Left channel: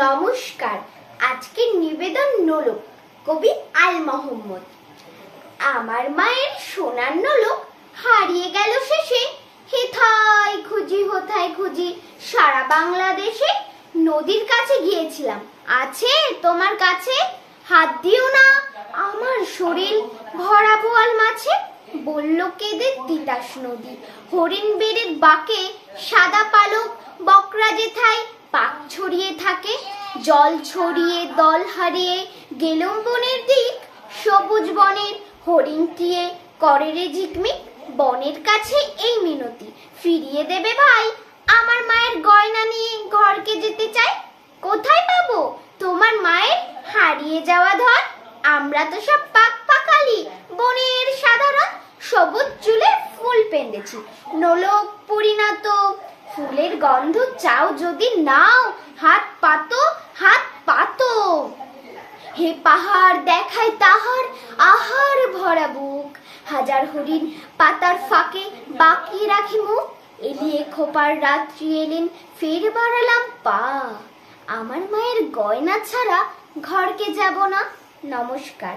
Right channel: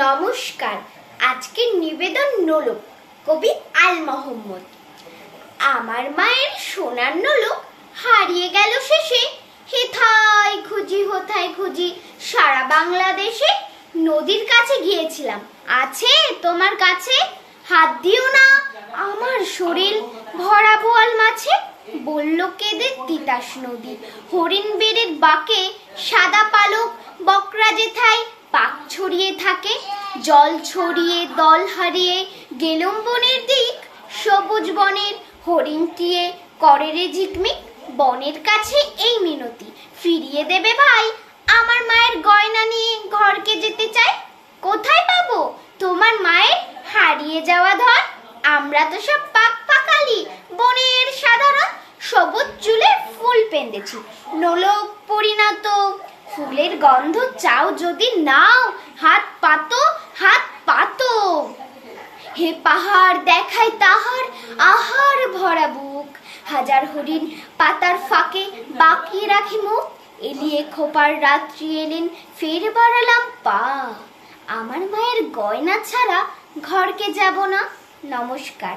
নমস্কার। আজকের নিবেদন নোলক, কবি আল মোহাম্মদ। আমার মায়ের সোনার নোলক হারিয়ে গেল শেষে, হেথায় খুঁজি হোথায় খুঁজি সারা বাংলাদেশে। নদীর কাছে গিয়েছিলাম, আছে তোমার কাছে? হাত দিও না, আমার শরীর ভরা বোয়াল মাছে। বলল কেঁদে তিতাস নদী, হরিণ বেড়ের বাঁকে সাদা পালক বকরা যেথায় পাক ছড়িয়ে থাকে। জল ছড়িয়ে দল হারিয়ে গেলুম বনের দিক, সবুজ বনের হরিণটিয়ে করে রে ঝিকমিক। বনের কাছে এই মিনতি, ফিরিয়ে দেবে ভাই, আমার মায়ের গয়না নিয়ে ঘরকে যেতে চাই। কোথায় পাবো তোমার মায়ের হারিয়ে যাওয়া ধন? আমরা তো সব পাক পাকালি বনের সাধারণ, সবুজ চুলে ফুল পেন্দেছি, নোলক পরিণত। ফুলের গন্ধ চাও যদি নাও, হাত পাতো হাত পাতো। হে পাহাড় দেখায় তাহার আহার ভরা বুক, হাজার হরিণ পাতার ফাঁকে বাকিয়ে রাখি মুখ। এলিয়ে খোপার রাত্রি এলেন, ফের বাড়ালাম পা, আমার মায়ের গয়না ছাড়া ঘরকে যাব না। নমস্কার।